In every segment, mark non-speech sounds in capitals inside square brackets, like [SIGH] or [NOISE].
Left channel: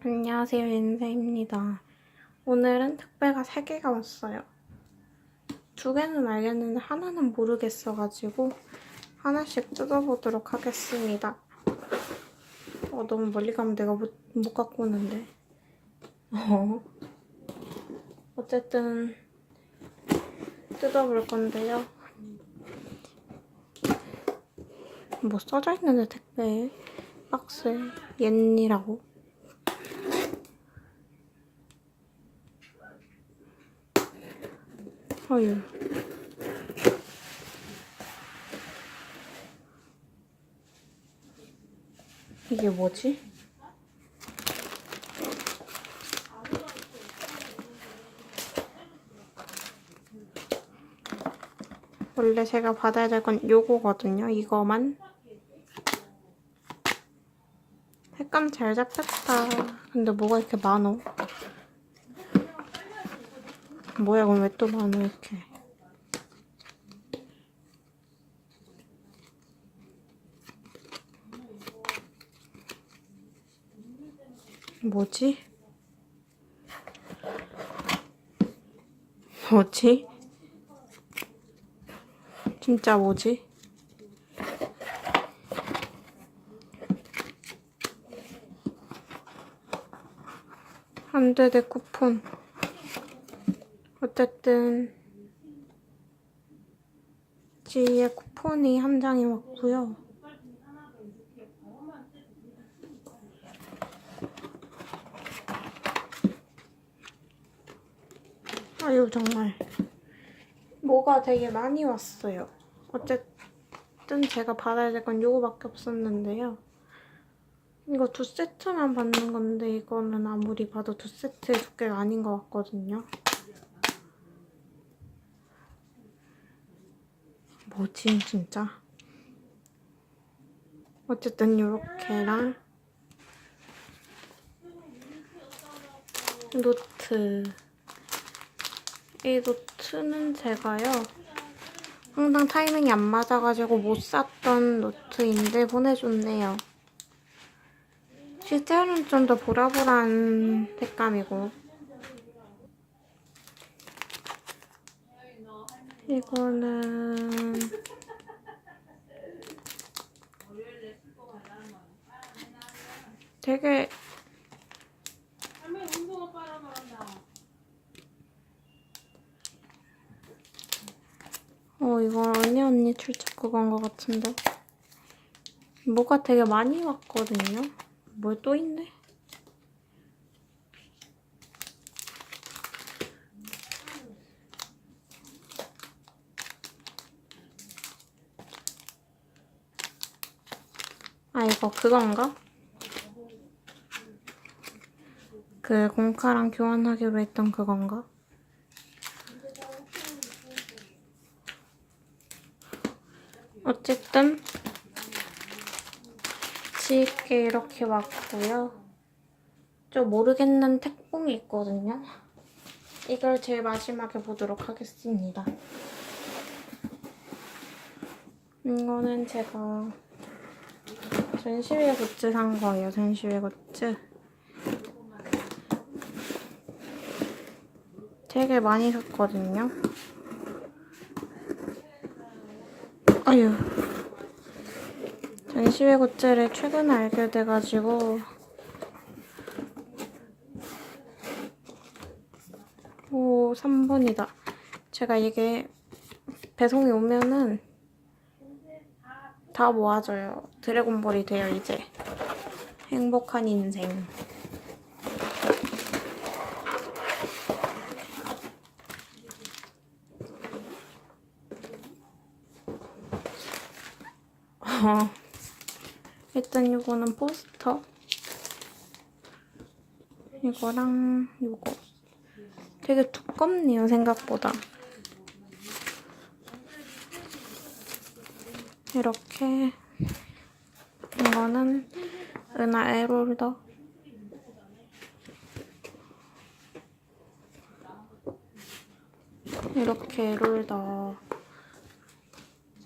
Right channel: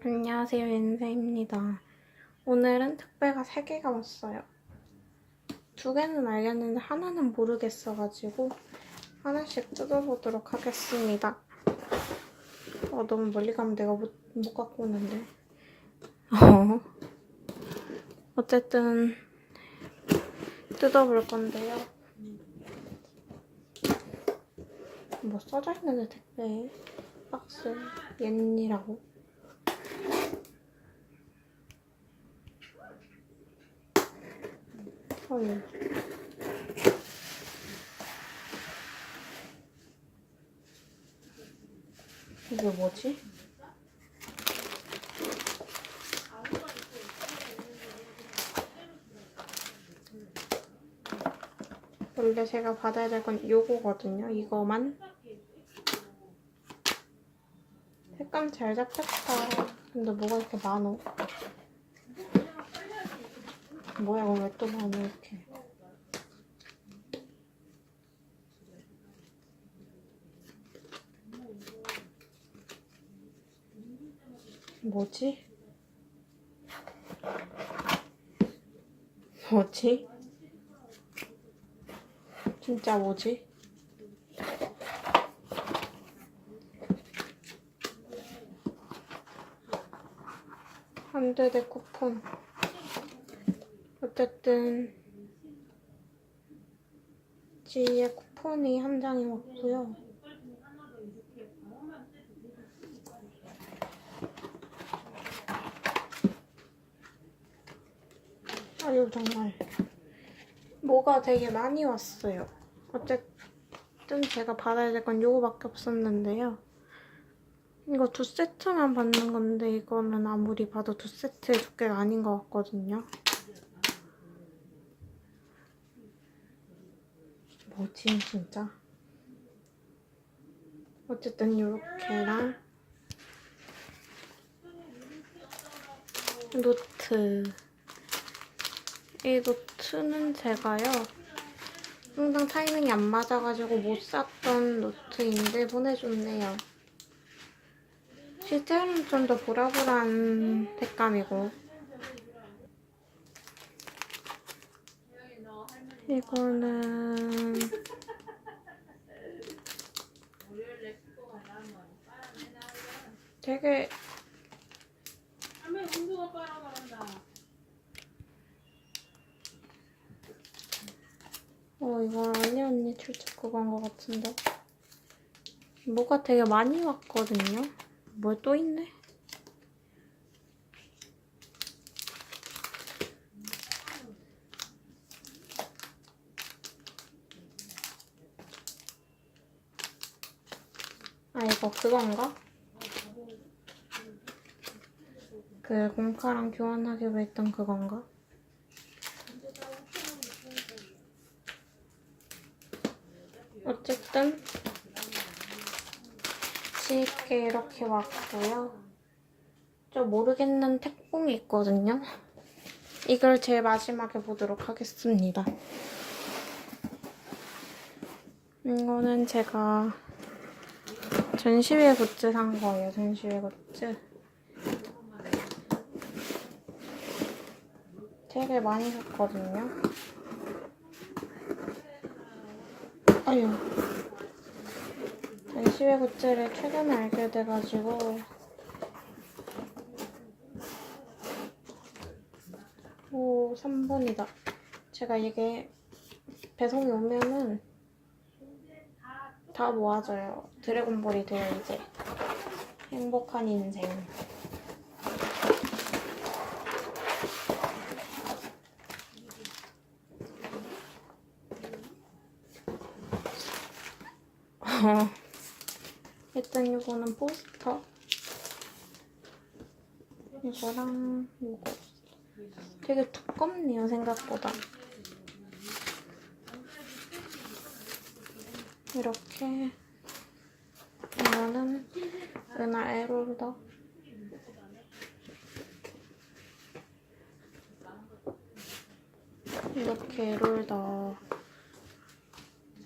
안녕하세요, 윤세입니다. 오늘은 택배가 3개가 왔어요. 두 개는 알겠는데 하나는 모르겠어가지고 하나씩 뜯어보도록 하겠습니다. 어, 너무 멀리 가면 내가 못, 못 갖고 오는데. 어. 어쨌든 뜯어볼 건데요. 뭐 써져 있는데 택배에 박스 옌니라고. 어휴. 이게 뭐지? 원래 제가 받아야 될 건 요거거든요. 이거만. 색감 잘 잡혔다. 근데 뭐가 이렇게 많어? 뭐야, 이건 왜또 많아, 이렇게. 뭐지? 뭐지? 진짜 뭐지? 안돼 내 쿠폰 어쨌든 지의 쿠폰이 한 장이 왔고요. 아유 정말. 뭐가 되게 많이 왔어요. 어쨌든 제가 받아야 될 건 요거밖에 없었는데요. 이거 두 세트만 받는 건데 이거는 아무리 봐도 두 세트의 두께가 아닌 것 같거든요. 뭐지 진짜? 어쨌든 이렇게랑 노트 이 노트는 제가요 항상 타이밍이 안 맞아가지고 못 샀던 노트인데 보내줬네요. 실제로는 좀 더 보라보라한 색감이고 이거는 되게 어 이거 언니 언니 출첵 그건 것 같은데 뭐가 되게 많이 왔거든요 뭐또 있네? 아 이거 그건가? 그 공카랑 교환하기로 했던 그건가? 어쨌든 지게 이렇게 왔고요. 저 모르겠는 택봉이 있거든요. 이걸 제일 마지막에 보도록 하겠습니다. 이거는 제가 전시회 굿즈 산 거예요. 전시회 굿즈. 되게 많이 샀거든요. 아유. 전시회 굿즈를 최근에 알게 돼가지고 오 3분이다 제가 이게 배송이 오면은 다 모아져요. 드래곤볼이 돼요 이제 행복한 인생. 어. 일단 이거는 포스터. 이거랑 이거. 되게 두껍네요 생각보다 이렇게 이거는 은하 에롤더 이렇게 롤더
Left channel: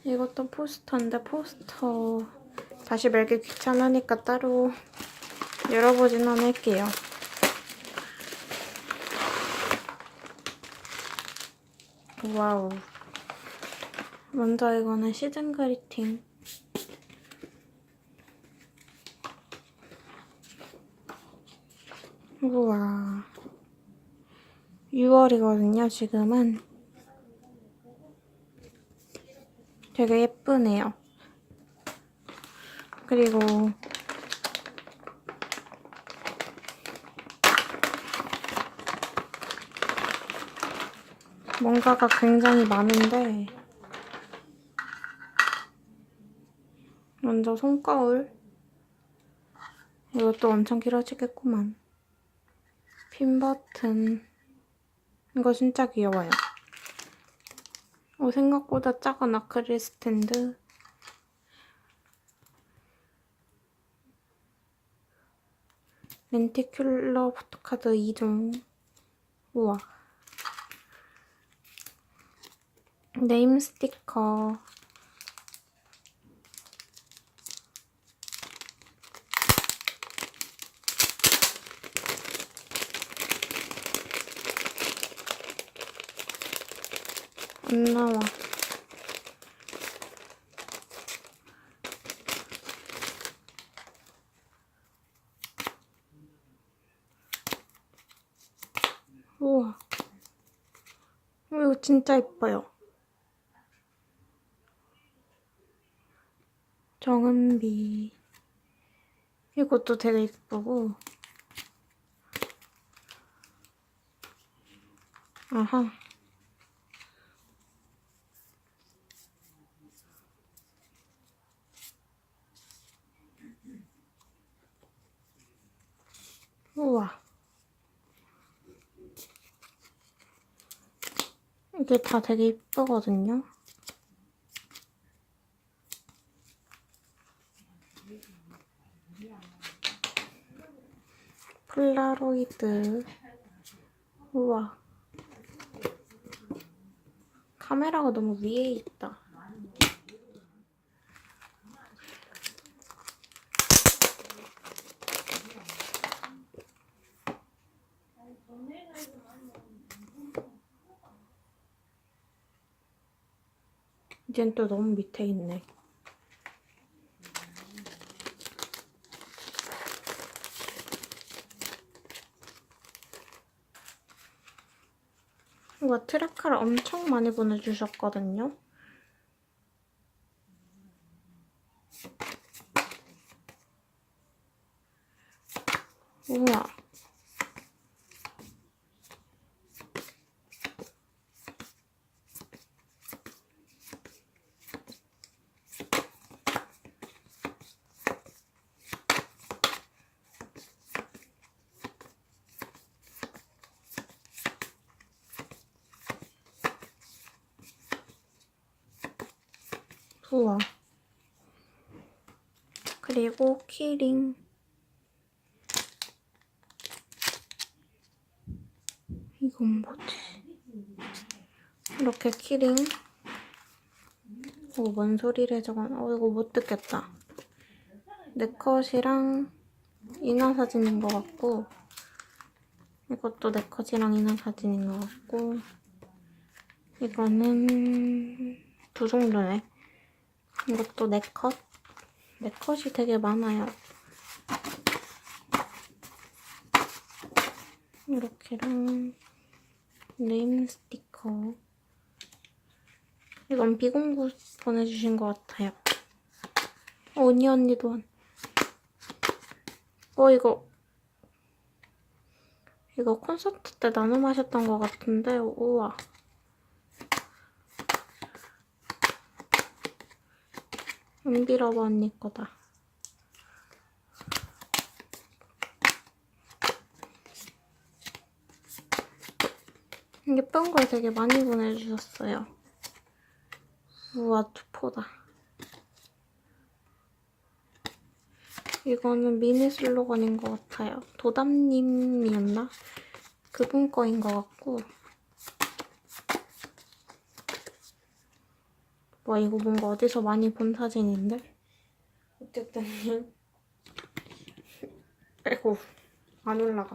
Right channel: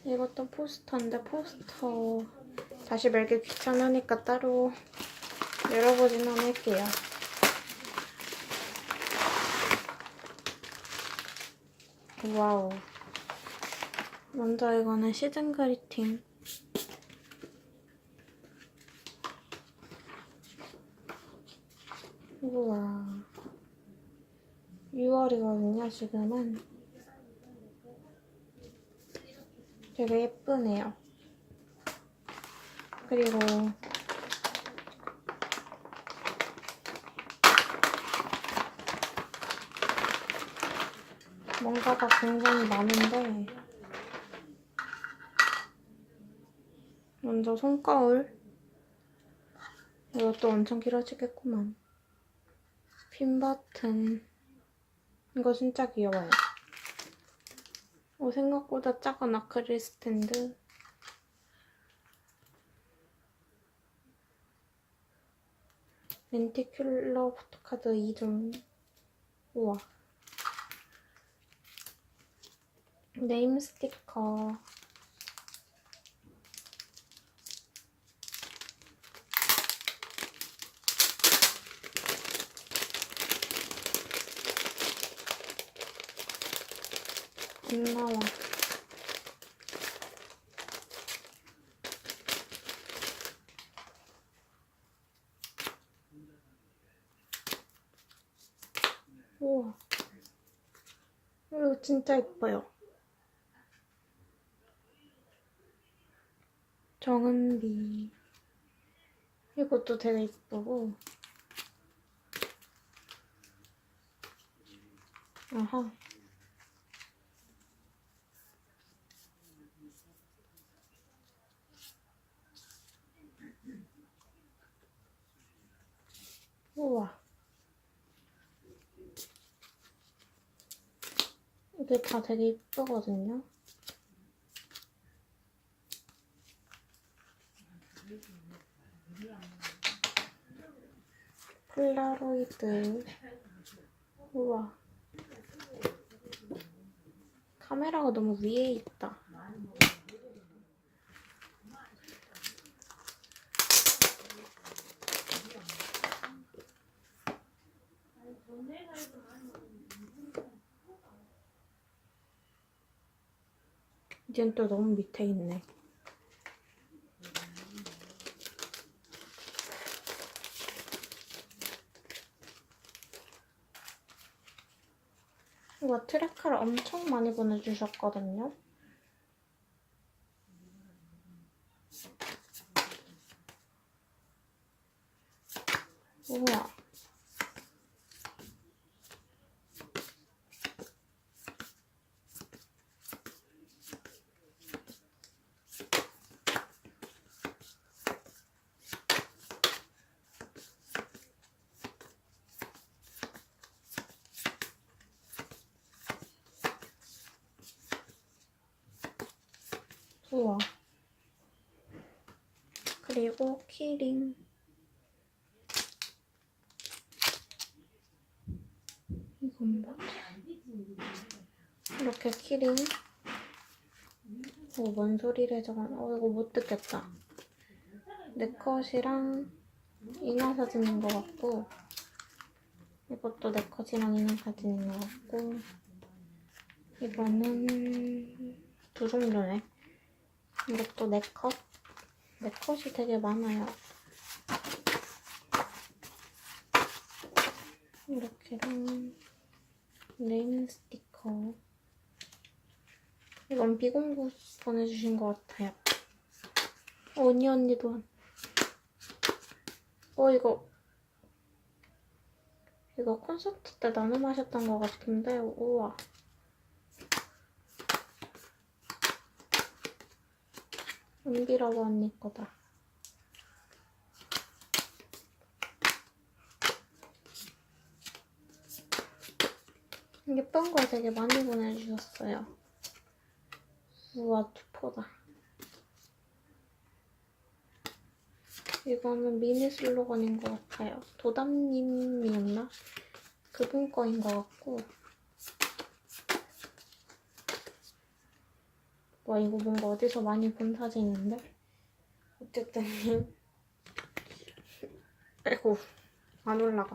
이것도 포스터인데 포스터 다시 말기 귀찮으니까 따로 열어보지는 않을게요. 와우. 먼저 이거는 시즌 그리팅. 우와. 6월이거든요, 지금은. 되게 예쁘네요. 그리고 뭔가가 굉장히 많은데 먼저 손거울 이것도 엄청 길어지겠구만. 핀 버튼. 이거 진짜 귀여워요. 어, 생각보다 작은 아크릴 스탠드. 렌티큘러 포토카드 2종. 우와. 네임 스티커 안 나와. 우와. 이거 진짜 예뻐요. 정은비. 이것도 되게 예쁘고. 아하 우와 이게 다 되게 예쁘거든요. 폴라로이드. 우와. 카메라가 너무 위에 있다 이젠 또 너무 밑에 있네 이거 트라카를 엄청 많이 보내주셨거든요. 우와. 우와. 그리고 키링. 이건 뭐지? 이렇게 키링. 어, 뭔 소리래 저건. 어, 이거 못 듣겠다. 내 컷이랑 인화 사진인 것 같고 이것도 내 컷이랑 인화 사진인 것 같고 이거는 두 정도네. 이것도 네 컷. 네 컷이 되게 많아요. 이렇게랑 네임 스티커. 이건 비공구 보내주신 것 같아요. 어, 언니 언니도 한. 어 이거 이거 콘서트 때 나눠 마셨던 것 같은데 우와. 은비라고 언니 거다. 예쁜 걸 되게 많이 보내주셨어요. 우와, 투포다. 이거는 미니 슬로건인 것 같아요. 도담님이었나? 그분 거인 것 같고. 와 이거 뭔가 어디서 많이 본 사진인데? 어쨌든 [LAUGHS] 아이고 안 올라가.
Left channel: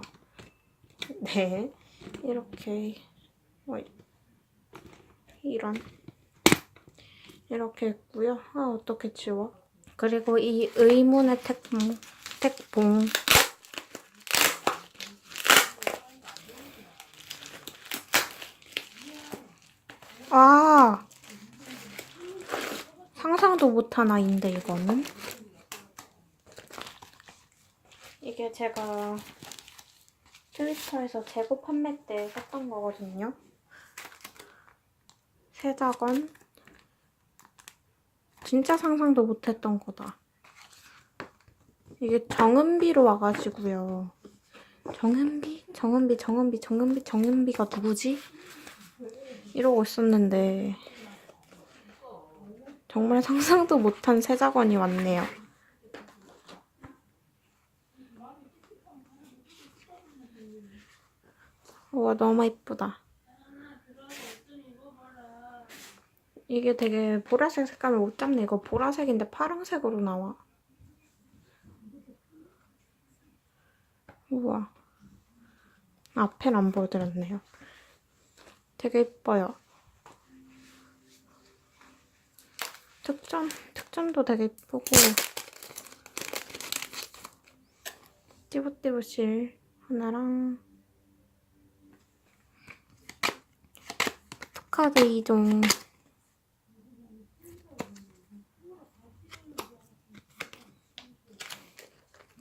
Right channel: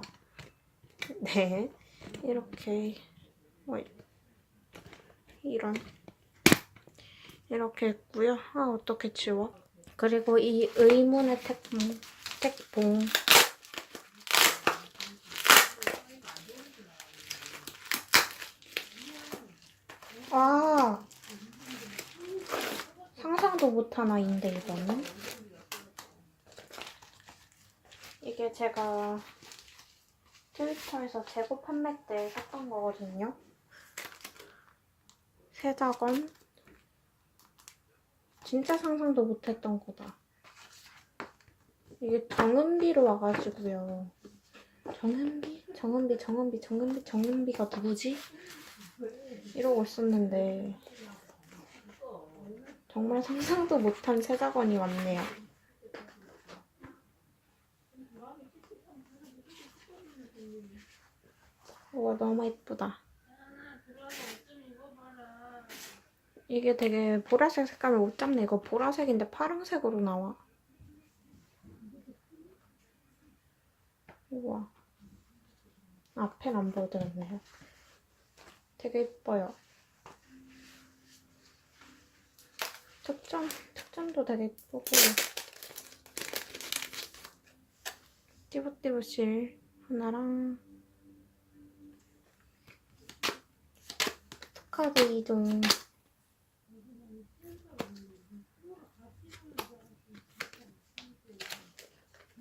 네 이렇게 어, 이런 이렇게 있고요. 아 어떻게 지워? 그리고 이 의문의 택봉 택봉 아 상상도 못한 아이인데 이거는 이게 제가 트위터에서 재고 판매 때 샀던 거거든요. 세작원 진짜 상상도 못했던 거다. 이게 정은비로 와가지고요. 정은비? 정은비, 정은비, 정은비, 정은비가 누구지? 이러고 있었는데 정말 상상도 못한 세작원이 왔네요. 우와 너무 이쁘다. 이게 되게 보라색 색감을 못 잡네. 이거 보라색인데 파란색으로 나와. 우와. 앞에는 안 보여드렸네요. 되게 이뻐요. 특전, 특전도 되게 이쁘고 띠부띠부실 하나랑 카드 2종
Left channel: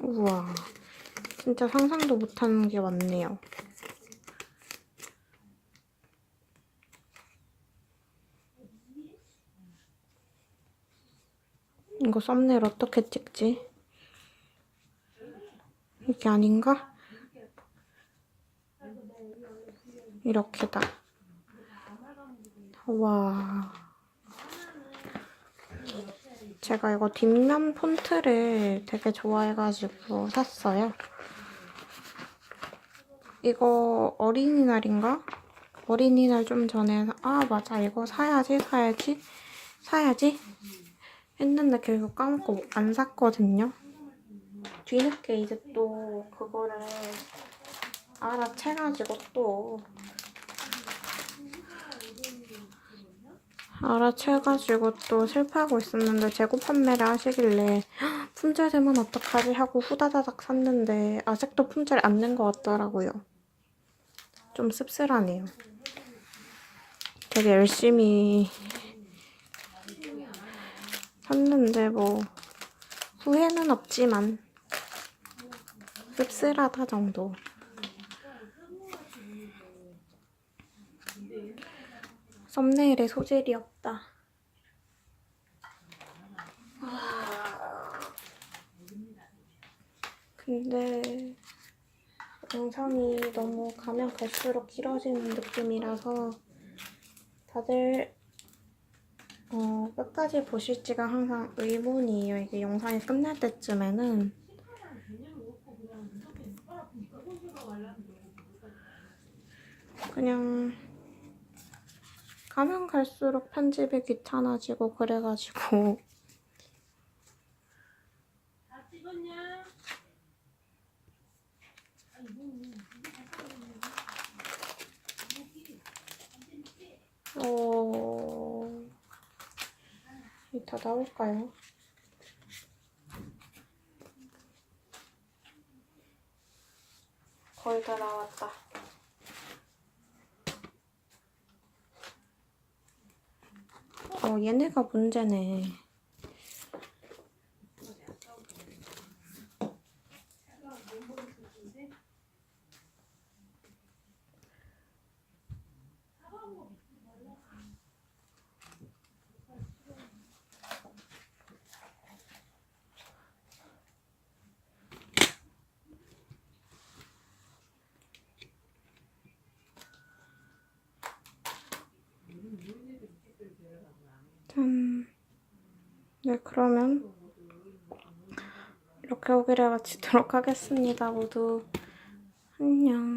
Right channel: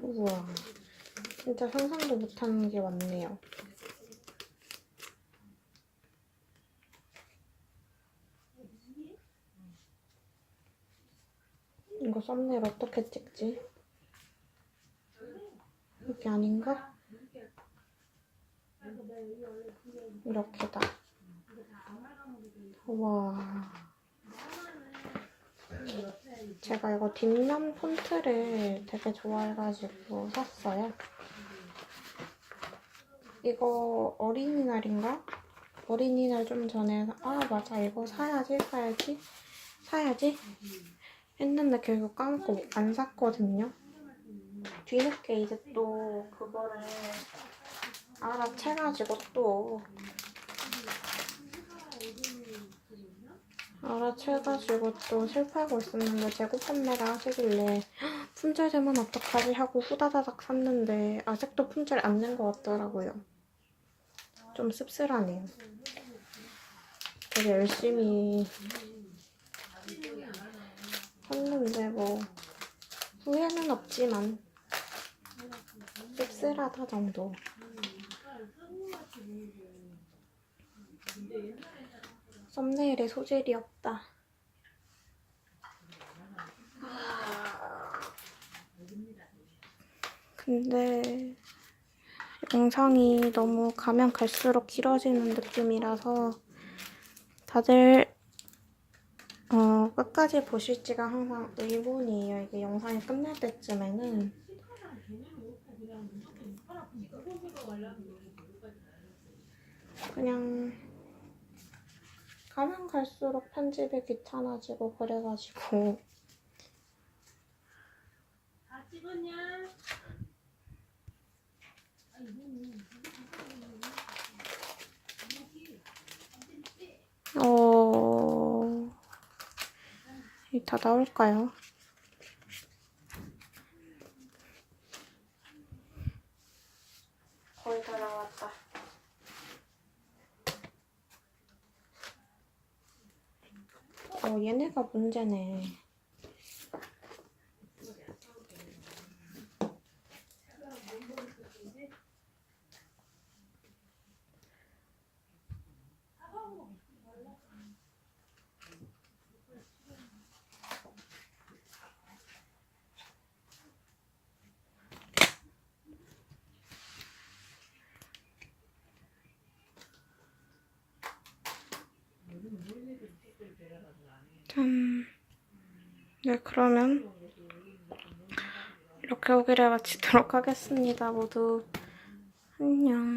우와 진짜 상상도 못하는 게 많네요 이거 썸네일 어떻게 찍지? 이게 아닌가? 이렇게다 와. 제가 이거 뒷면 폰트를 되게 좋아해가지고 샀어요. 이거 어린이날인가? 어린이날 좀 전에 사- 아 맞아 이거 사야지 사야지 사야지 했는데 계속 까먹고 안 샀거든요. 뒤늦게 이제 또 그거를 알아채가지고 또 알아채가지고 또 실패하고 있었는데 재고 판매를 하시길래 [GASPS] "헉, 품절되면 어떡하지 하고 후다다닥 샀는데 아직도 품절 안 된 것 같더라고요. 좀 씁쓸하네요. 되게 열심히 샀는데 뭐 후회는 없지만 씁쓸하다 정도. 썸네일에 소질이 없다. 근데 영상이 너무 가면 갈수록 길어지는 느낌이라서 다들 어, 끝까지 보실지가 항상 의문이에요. 이게 영상이 끝날 때쯤에는 그냥 가면 갈수록 편집이 귀찮아지고 그래가지고? 어... 이다 나올까요? 거의 다 나왔다. 어, 얘네가 문제네. 네, 그러면 이렇게 오기를 마치도록 하겠습니다. 모두 안녕.